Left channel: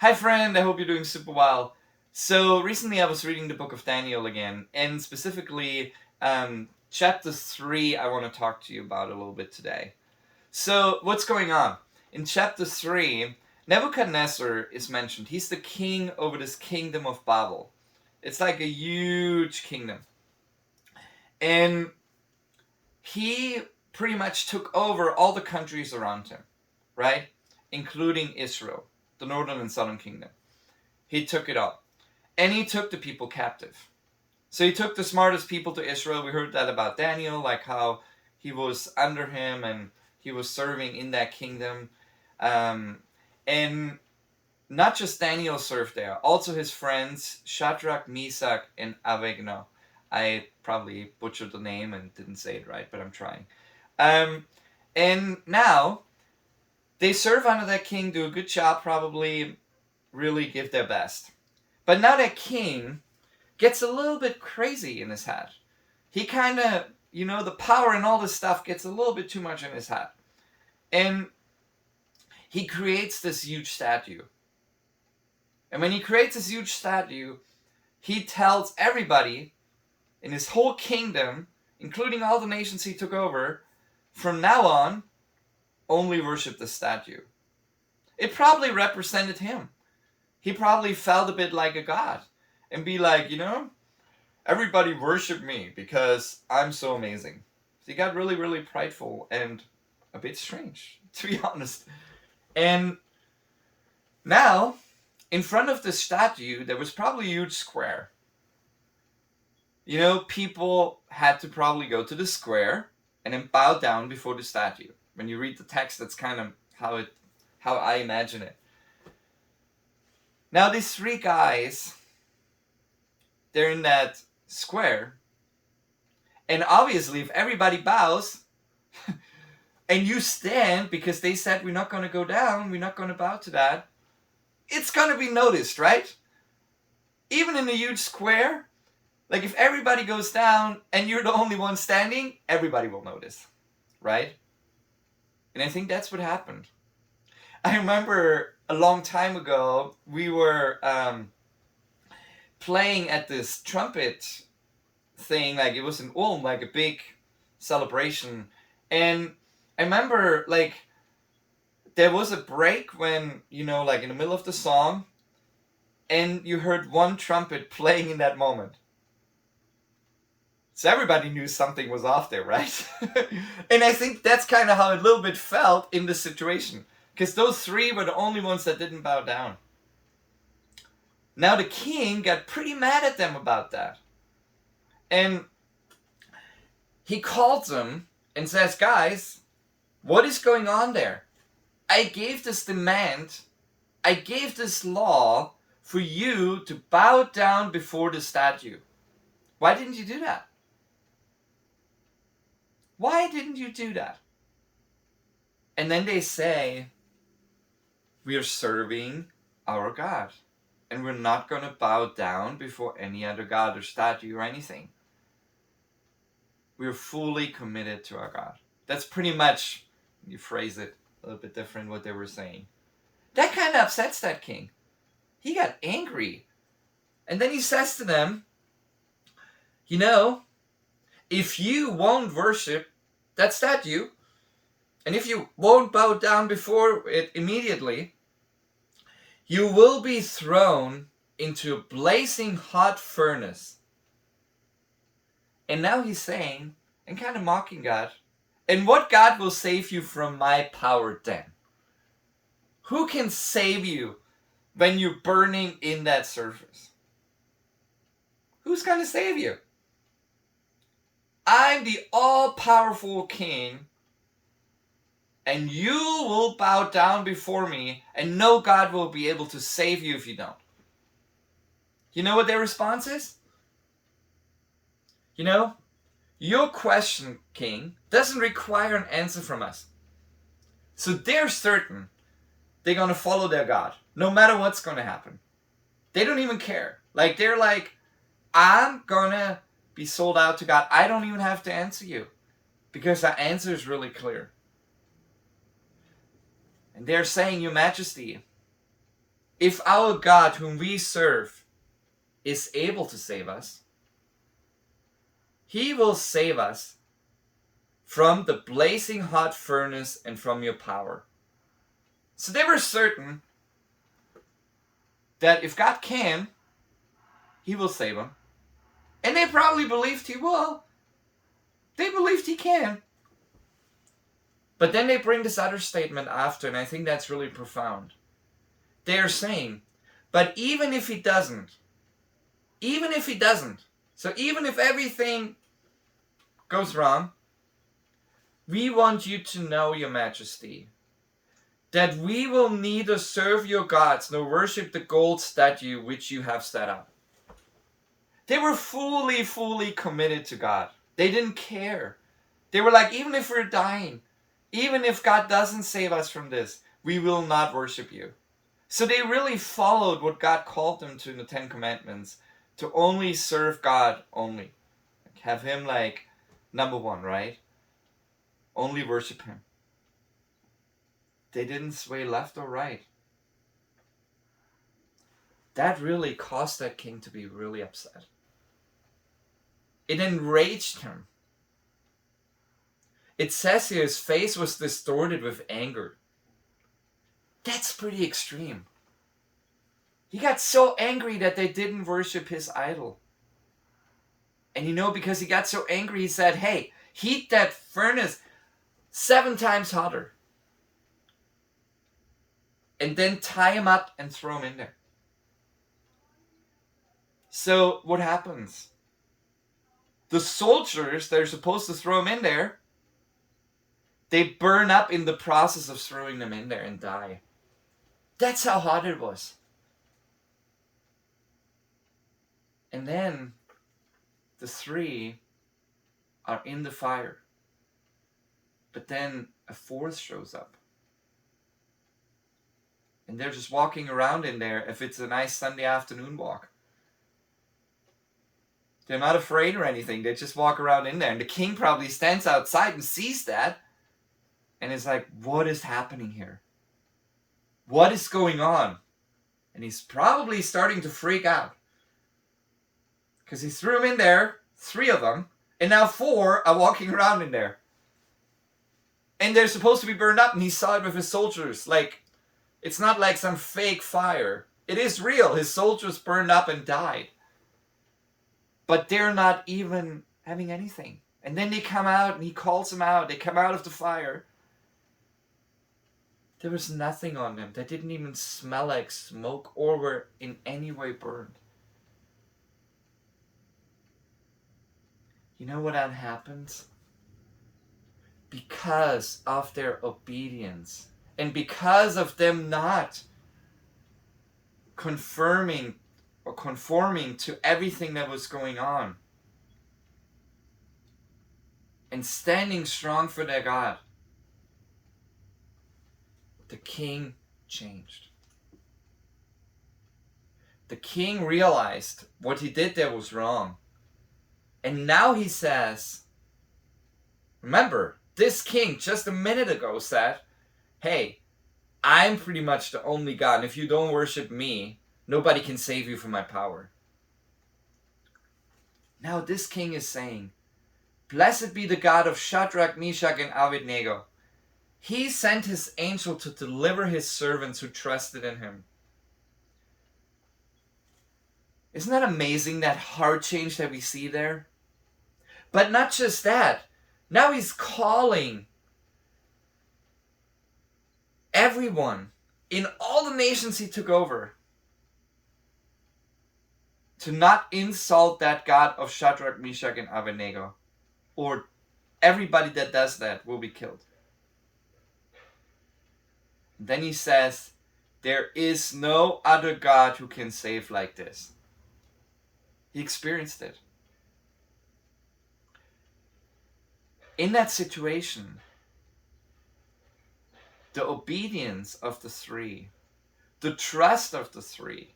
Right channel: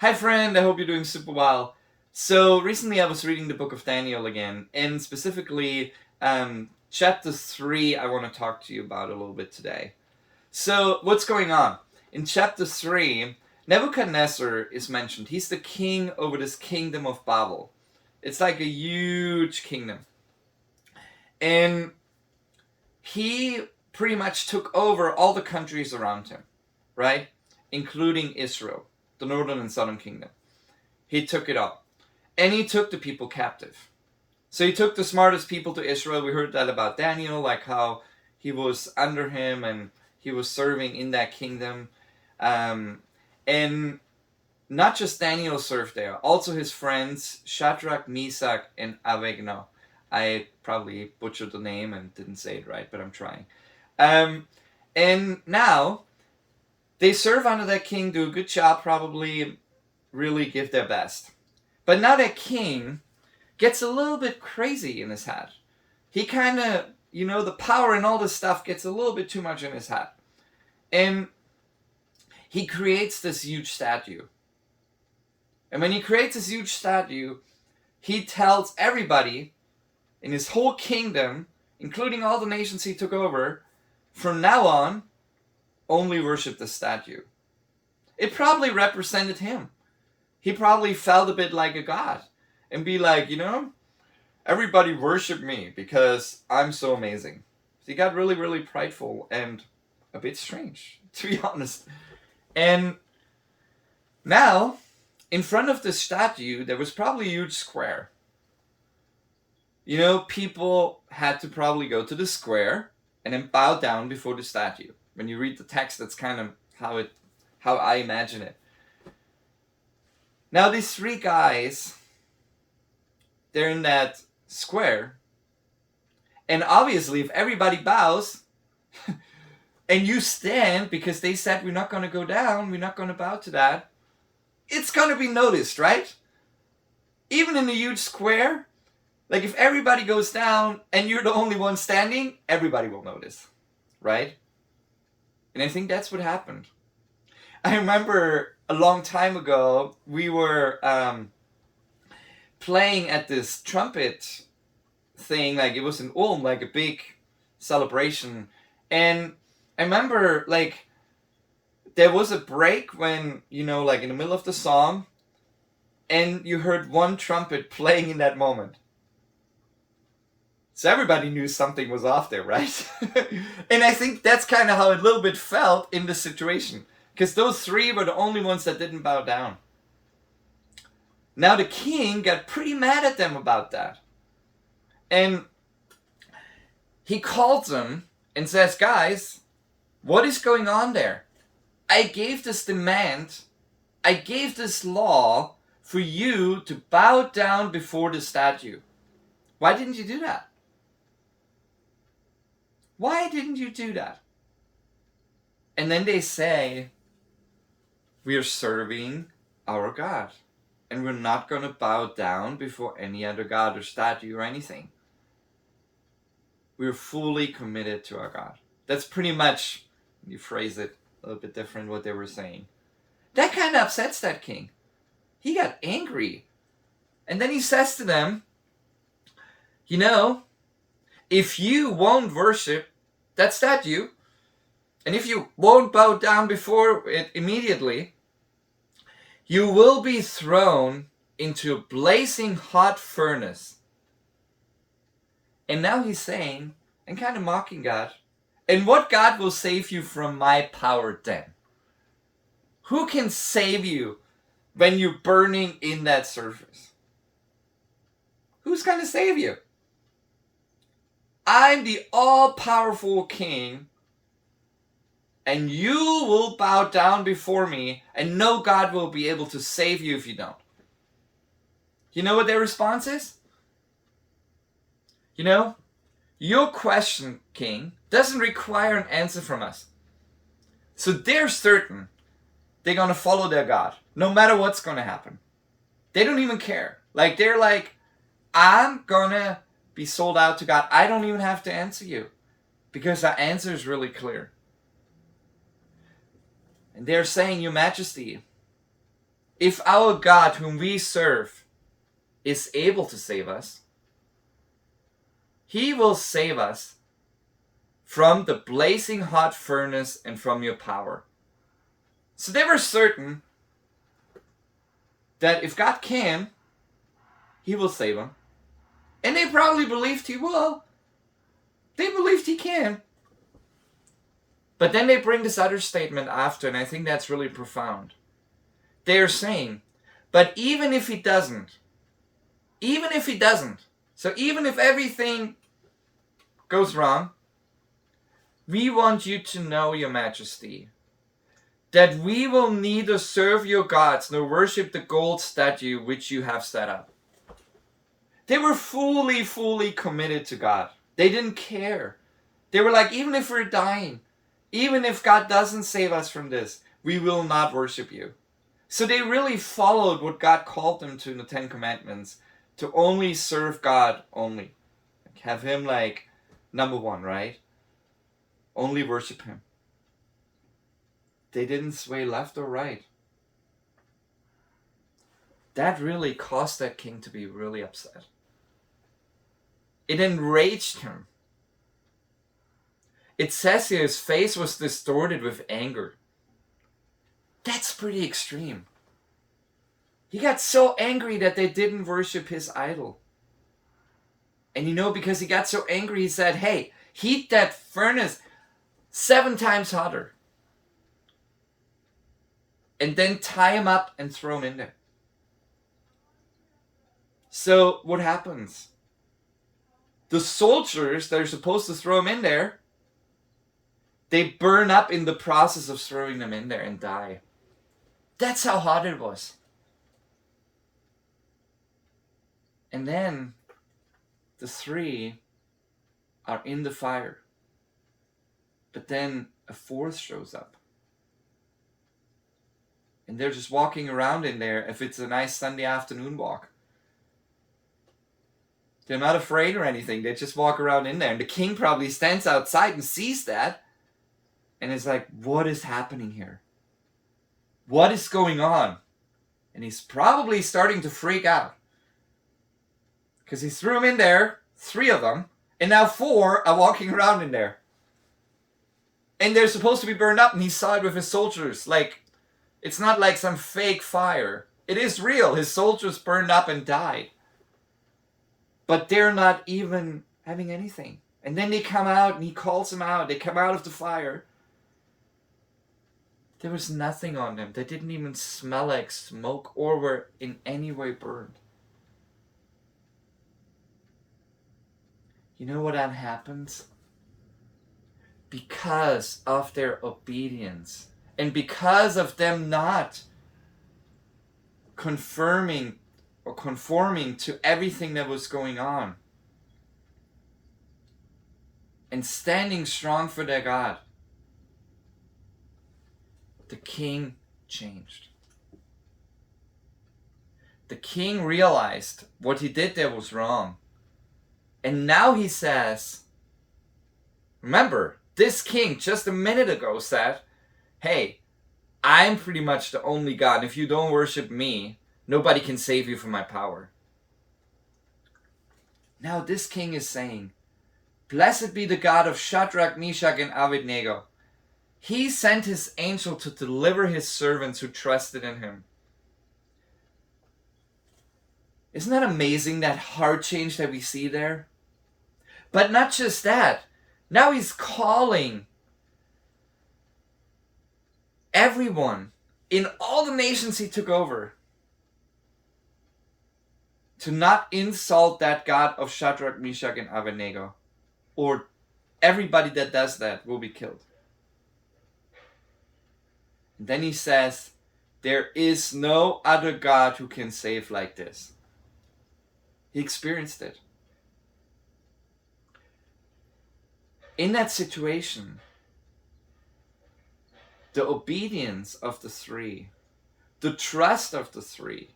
Hi, friend. I hope you're doing super well. So, recently I was reading the book of Daniel again, and specifically, chapter 3, I want to talk to you about a little bit today. So, what's going on? In chapter 3, Nebuchadnezzar is mentioned. He's the king over this kingdom of Babel. It's like a huge kingdom. And he pretty much took over all the countries around him, right? Including Israel, the northern and southern kingdom. He took it all. And he took the people captive. So he took the smartest people to Israel. We heard that about Daniel, like how he was under him and he was serving in that kingdom. And not just Daniel served there, also his friends Shadrach, Meshach, and Abednego. I probably butchered the name and didn't say it right, but I'm trying. And now they serve under that king, do a good job, probably really give their best. But now that king gets a little bit crazy in his head. He kind of, the power and all this stuff gets a little bit too much in his head. And he creates this huge statue. And when he creates this huge statue, he tells everybody in his whole kingdom, including all the nations he took over, from now on, only worship the statue. It probably represented him. He probably felt a bit like a god and be like, everybody worship me because I'm so amazing. So he got really, really prideful and a bit strange, to be honest. And now, in front of the statue, there was probably a huge square. People had to probably go to the square and then bow down before the statue. When you read the text, that's kind of how I imagine it. Now, these three guys, they're in that square. And obviously, if everybody bows and you stand because they said we're not going to go down, we're not going to bow to that, it's going to be noticed, right? Even in a huge square, like if everybody goes down and you're the only one standing, everybody will notice, right? And I think that's what happened. I remember a long time ago, we were playing at this trumpet thing, like it was in Ulm, like a big celebration. And I remember, like, there was a break when, like in the middle of the song, and you heard one trumpet playing in that moment. So everybody knew something was off there, right? And I think that's kind of how it a little bit felt in this situation. Because those three were the only ones that didn't bow down. Now the king got pretty mad at them about that. And he calls them and says, guys, what is going on there? I gave this demand, I gave this law for you to bow down before the statue. Why didn't you do that? Why didn't you do that? And then they say, we are serving our God. And we're not going to bow down before any other God or statue or anything. We're fully committed to our God. That's pretty much, you phrase it a little bit different, what they were saying. That kind of upsets that king. He got angry. And then he says to them, if you won't worship that statue, and if you won't bow down before it immediately, you will be thrown into a blazing hot furnace. And now he's saying, and kind of mocking God, and what God will save you from my power then? Who can save you when you're burning in that surface? Who's going to save you? I'm the all-powerful king, and you will bow down before me, and no God will be able to save you if you don't. You know what their response is? Your question, king, doesn't require an answer from us. So they're certain they're going to follow their God, no matter what's going to happen. They don't even care. Like, they're like, I'm going to be sold out to God. I don't even have to answer you because the answer is really clear. And they're saying, Your Majesty, if our God whom we serve is able to save us, he will save us from the blazing hot furnace and from your power. So they were certain that if God can, he will save them. And they probably believed he will. They believed he can. But then they bring this other statement after, and I think that's really profound. They are saying, but even if he doesn't, so even if everything goes wrong, we want you to know, your majesty, that we will neither serve your gods nor worship the gold statue which you have set up. They were fully committed to God. They didn't care. They were like, even if we're dying, even if God doesn't save us from this, we will not worship you. So they really followed what God called them to in the Ten Commandments, to only serve God only. Have him like number one, right? Only worship him. They didn't sway left or right. That really caused that king to be really upset. It enraged him. It says here his face was distorted with anger. That's pretty extreme. He got so angry that they didn't worship his idol. And because he got so angry, he said, hey, heat that furnace 7 times hotter. And then tie him up and throw him in there. So what happens? The soldiers that are supposed to throw him in there, they burn up in the process of throwing them in there and die. That's how hot it was. And then the 3 are in the fire. But then a 4th shows up. And they're just walking around in there if it's a nice Sunday afternoon walk. They're not afraid or anything. They just walk around in there. And the king probably stands outside and sees that. And is like, what is happening here? What is going on? And he's probably starting to freak out. Because he threw them in there, 3 of them. And now 4 are walking around in there. And they're supposed to be burned up. And he saw it with his soldiers. Like, it's not like some fake fire. It is real. His soldiers burned up and died. But they're not even having anything. And then they come out and he calls them out. They come out of the fire. There was nothing on them. They didn't even smell like smoke or were in any way burned. You know what that happens? Because of their obedience and because of them not confirming or conforming to everything that was going on and standing strong for their God, the king changed. The king realized what he did there was wrong. And now he says, remember, this king just a minute ago said, hey, I'm pretty much the only God. And if you don't worship me, nobody can save you from my power. Now this king is saying, blessed be the God of Shadrach, Meshach, and Abednego. He sent his angel to deliver his servants who trusted in him. Isn't that amazing, that heart change that we see there? But not just that. Now he's calling everyone in all the nations he took over to not insult that God of Shadrach, Meshach, and Abednego, or everybody that does that will be killed. And then he says, there is no other God who can save like this. He experienced it. In that situation, the obedience of the 3, the trust of the 3,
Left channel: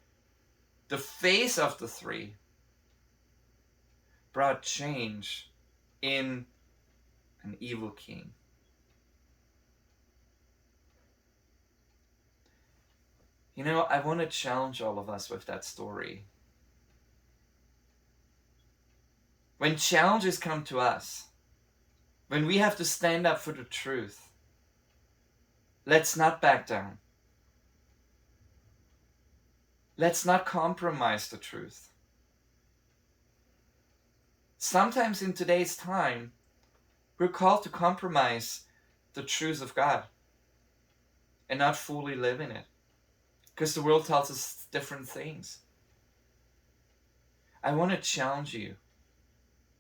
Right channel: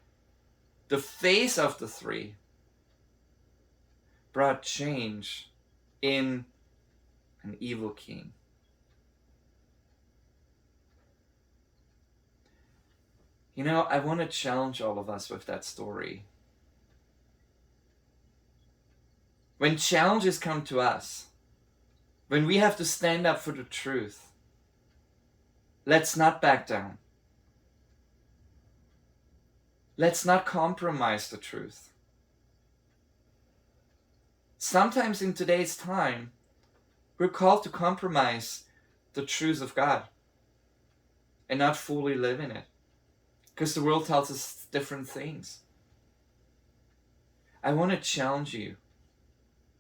the faith of the 3 brought change in an evil king. You know, I want to challenge all of us with that story. When challenges come to us, when we have to stand up for the truth, let's not back down. Let's not compromise the truth. Sometimes in today's time, we're called to compromise the truths of God and not fully live in it, because the world tells us different things. I want to challenge you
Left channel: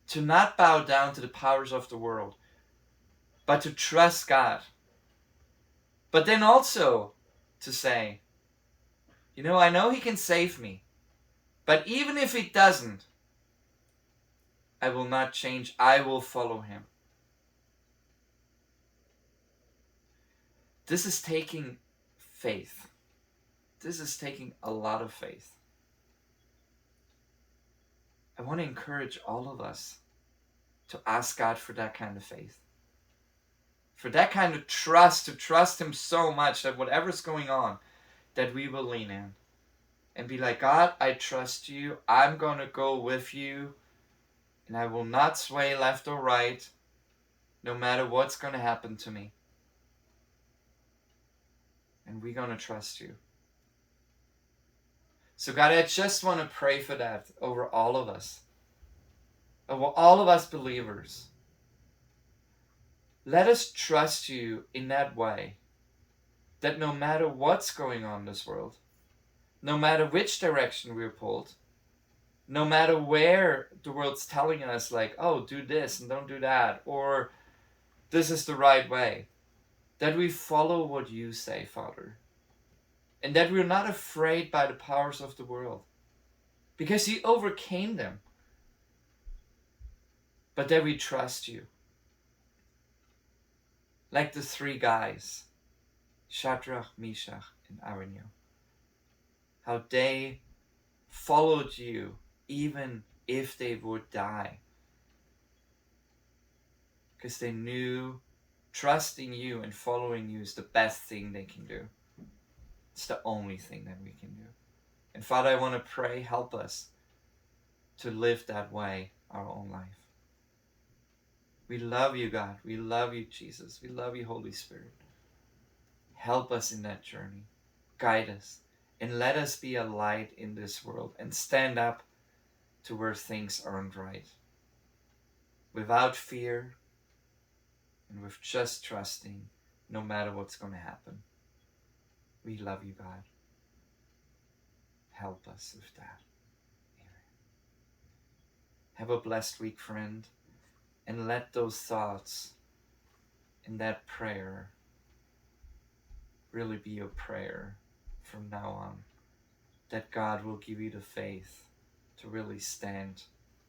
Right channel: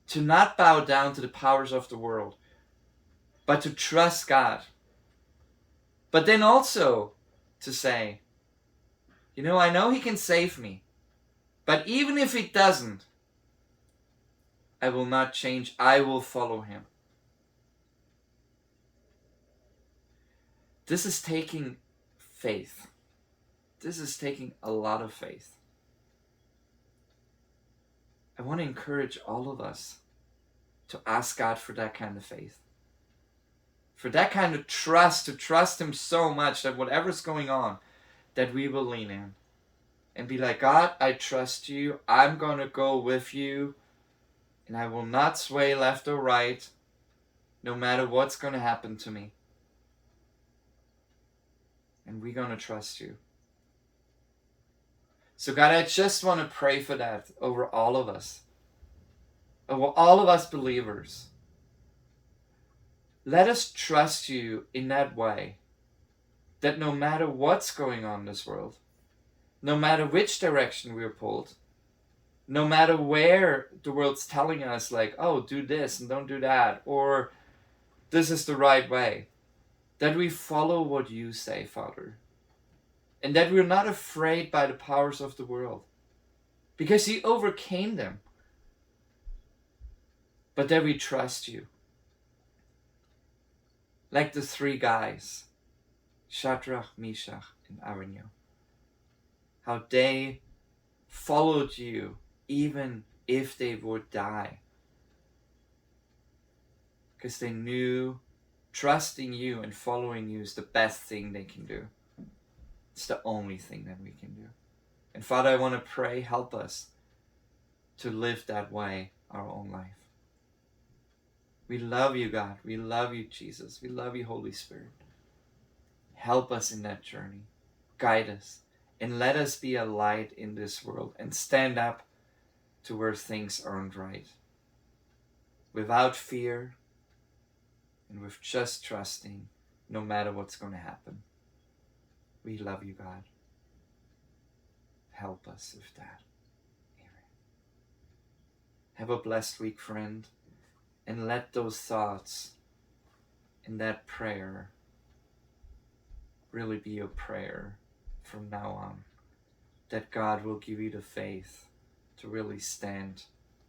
to not bow down to the powers of the world, but to trust God. But then also to say, you know, I know He can save me, but even if He doesn't, I will not change. I will follow Him. This is taking faith. This is taking a lot of faith. I want to encourage all of us to ask God for that kind of faith, for that kind of trust, to trust Him so much that whatever's going on, that we will lean in and be like, God, I trust you. I'm going to go with you, and I will not sway left or right, no matter what's going to happen to me. And we're going to trust you. So God, I just want to pray for that over all of us believers. Let us trust you in that way, that no matter what's going on in this world, no matter which direction we're pulled, no matter where the world's telling us, like, oh, do this and don't do that, or this is the right way, that we follow what you say, Father. And that we're not afraid by the powers of the world, because you overcame them. But that we trust you. Like the three guys, Shadrach, Meshach, and Abednego, how they followed you even if they would die, because they knew trusting you and following you is the best thing they can do. It's the only thing that we can do. And Father, I want to pray, help us to live that way our own life. We love you, God. We love you, Jesus. We love you, Holy Spirit. Help us in that journey. Guide us. And let us be a light in this world and stand up to where things aren't right. Without fear and with just trusting, no matter what's going to happen. We love you, God. Help us with that. Amen. Have a blessed week, friend. And let those thoughts and that prayer really be your prayer from now on. That God will give you the faith to really stand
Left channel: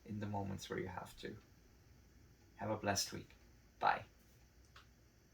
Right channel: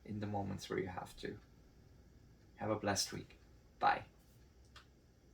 in the moments where you have to. Have a blessed week. Bye.